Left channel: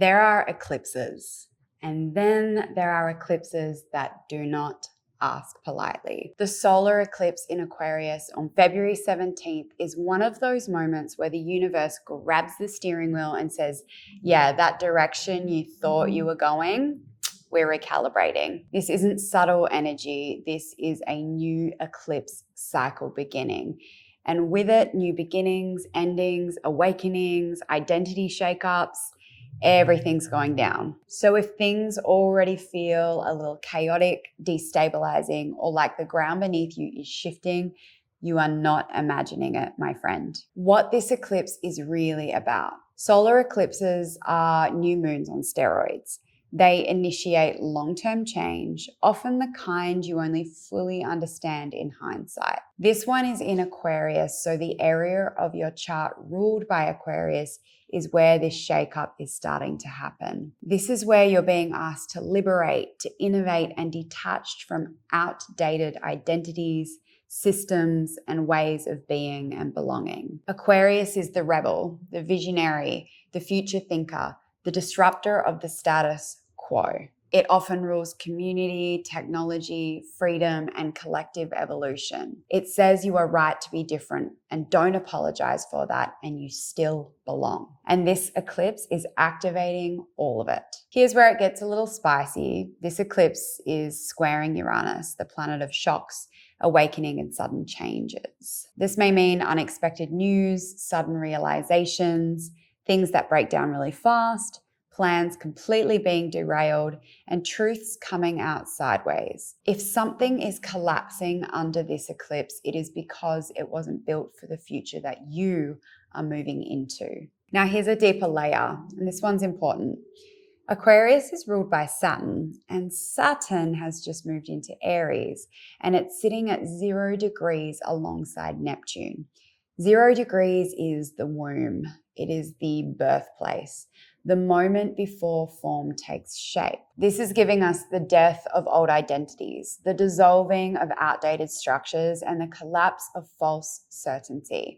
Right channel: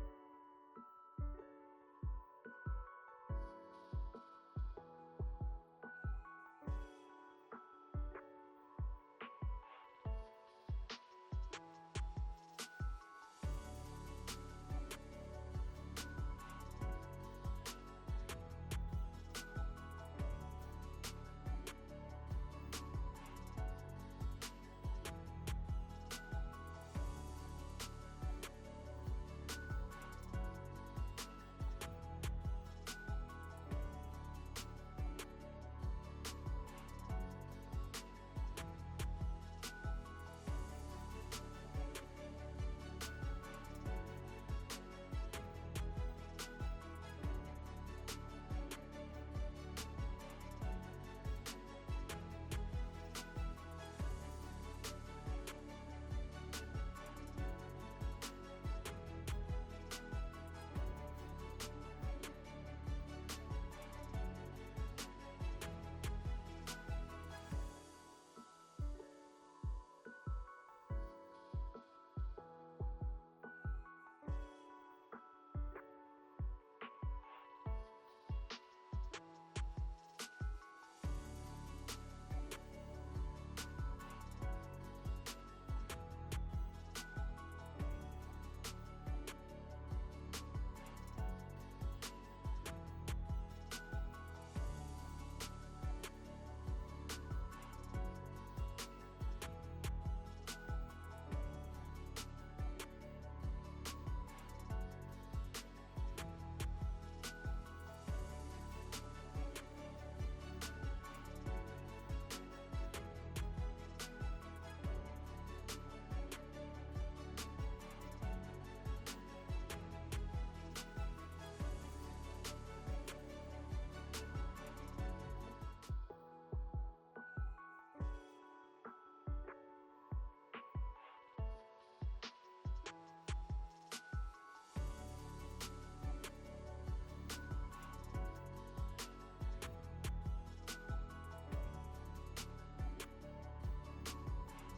There are eclipses, and then there are eclipses that do not ask politely. The solar eclipse in Aquarius on February 17th is one of those moments where the universe grabs the steering wheel and says, yeah, that direction you thought you were going, we're recalibrating. This isn't subtle energy. This is a new eclipse cycle beginning. And with it, new beginnings, endings, awakenings, identity shakeups, everything's going down. So if things already feel a little chaotic, destabilizing, or like the ground beneath you is shifting, you are not imagining it, my friend. What this eclipse is really about. Solar eclipses are new moons on steroids. They initiate long-term change, often the kind you only fully understand in hindsight. This one is in Aquarius, so the area of your chart ruled by Aquarius is where this shakeup is starting to happen. This is where you're being asked to liberate, to innovate, and detached from outdated identities, systems, and ways of being and belonging. Aquarius is the rebel, the visionary, the future thinker, the disruptor of the status quo. It often rules community, technology, freedom, and collective evolution. It says you are right to be different and don't apologize for that, and you still belong. And this eclipse is activating all of it. Here's where it gets a little spicy. This eclipse is squaring Uranus, the planet of shocks, awakening, and sudden changes. This may mean unexpected news, sudden realizations, things that break down really fast, plans completely being derailed, and truths coming out sideways. If something is collapsing under this eclipse, it is because it wasn't built for the future that you are moving into. Now here's a deeper layer, and this one's important. Aquarius is ruled by Saturn, and Saturn has just moved into Aries, and it's sitting at 0 degrees alongside Neptune. 0 degrees is the womb. It is the birthplace, the moment before form takes shape. This is giving us the death of old identities, the dissolving of outdated structures, and the collapse of false certainty.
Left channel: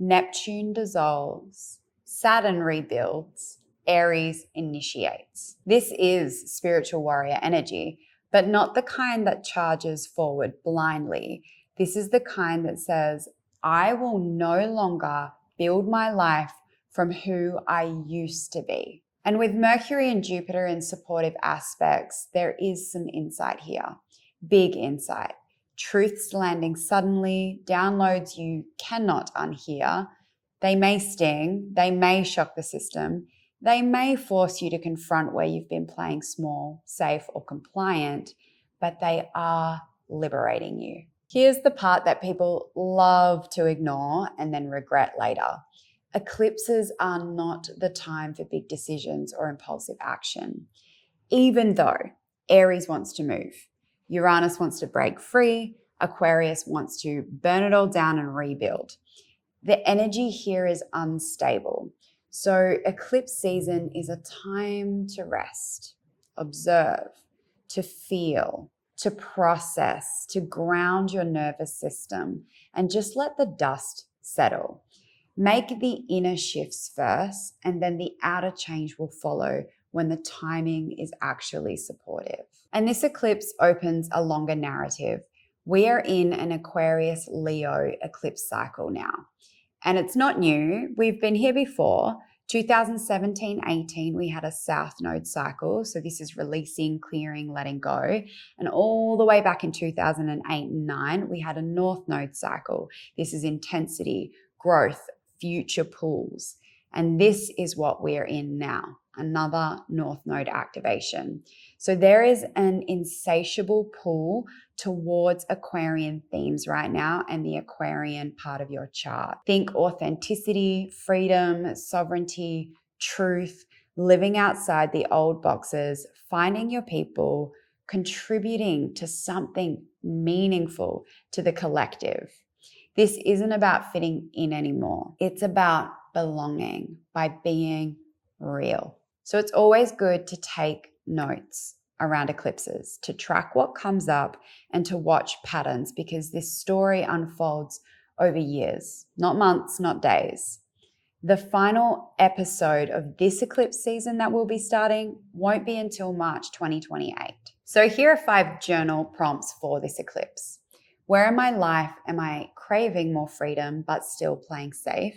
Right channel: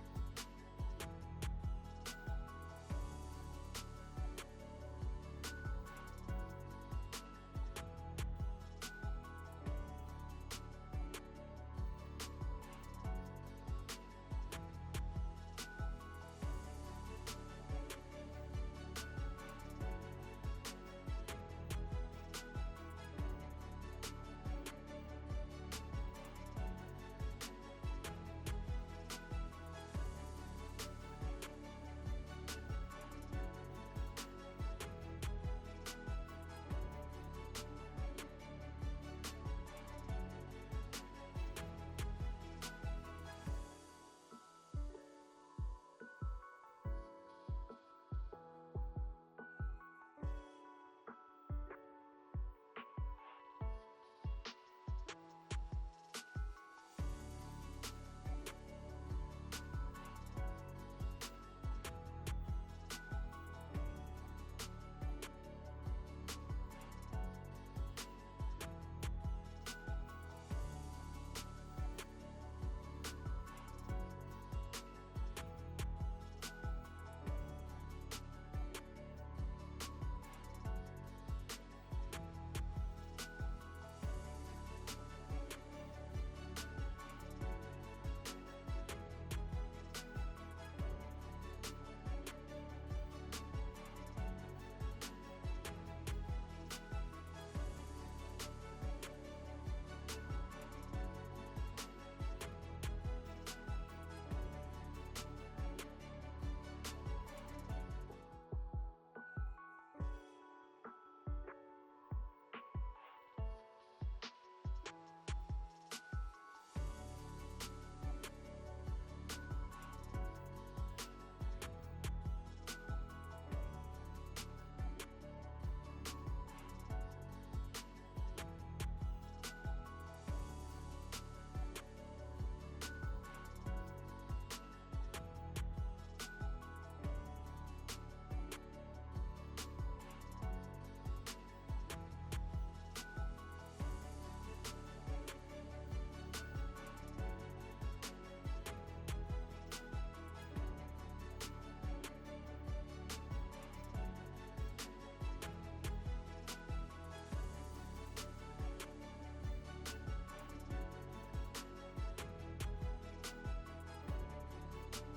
Neptune dissolves, Saturn rebuilds, Aries initiates. This is spiritual warrior energy, but not the kind that charges forward blindly. This is the kind that says, I will no longer build my life from who I used to be. And with Mercury and Jupiter in supportive aspects, there is some insight here. Big insight. Truths landing suddenly, downloads you cannot unhear. They may sting, they may shock the system, they may force you to confront where you've been playing small, safe, or compliant, but they are liberating you. Here's the part that people love to ignore and then regret later. Eclipses are not the time for big decisions or impulsive action. Even though Aries wants to move, Uranus wants to break free, Aquarius wants to burn it all down and rebuild. The energy here is unstable. So eclipse season is a time to rest, observe, to feel, to process, to ground your nervous system, and just let the dust settle. Make the inner shifts first, and then the outer change will follow when the timing is actually supportive. And this eclipse opens a longer narrative. We are in an Aquarius Leo eclipse cycle now. And it's not new, we've been here before. 2017-18, we had a South Node cycle. So this is releasing, clearing, letting go. And all the way back in 2008 and 9, we had a North Node cycle. This is intensity, growth, future pulls. And this is what we're in now, another North Node activation. So there is an insatiable pull towards Aquarian themes right now and the Aquarian part of your chart. Think authenticity, freedom, sovereignty, truth, living outside the old boxes, finding your people, contributing to something meaningful to the collective. This isn't about fitting in anymore. It's about belonging by being real. So it's always good to take notes around eclipses, to track what comes up and to watch patterns, because this story unfolds over years, not months, not days. The final episode of this eclipse season that we'll be starting won't be until March 2028. So here are 5 journal prompts for this eclipse. Where in my life am I craving more freedom but still playing safe?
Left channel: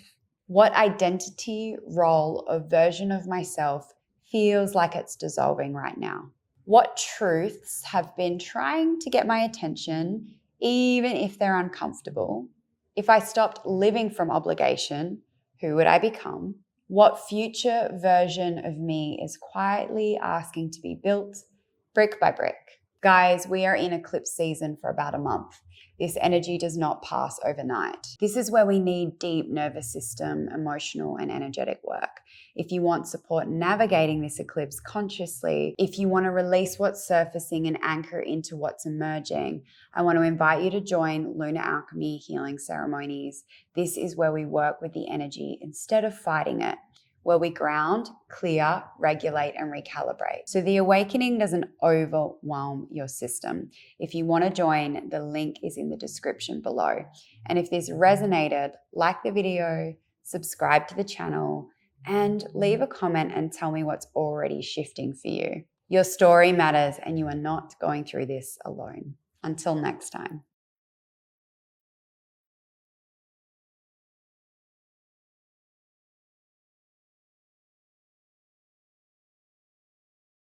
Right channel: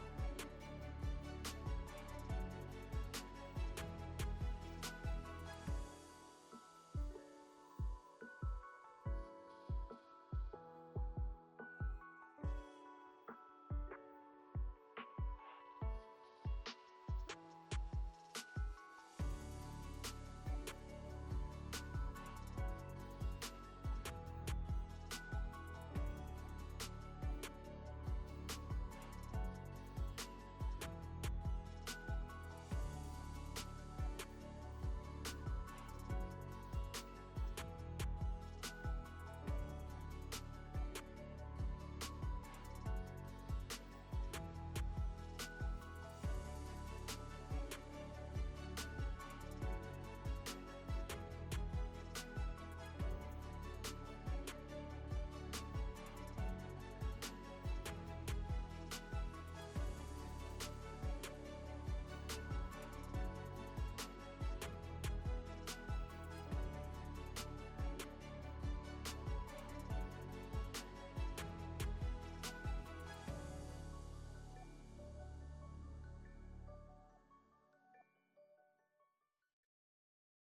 What identity, role, or version of myself feels like it's dissolving right now? What truths have been trying to get my attention, even if they're uncomfortable? If I stopped living from obligation, who would I become? What future version of me is quietly asking to be built brick by brick? Guys, we are in eclipse season for about a month. This energy does not pass overnight. This is where we need deep nervous system, emotional, and energetic work. If you want support navigating this eclipse consciously, if you want to release what's surfacing and anchor into what's emerging, I want to invite you to join Lunar Alchemy healing ceremonies. This is where we work with the energy instead of fighting it, where we ground, clear, regulate, and recalibrate. So the awakening doesn't overwhelm your system. If you want to join, the link is in the description below. And if this resonated, like the video, subscribe to the channel, and leave a comment and tell me what's already shifting for you. Your story matters, and you are not going through this alone. Until next time.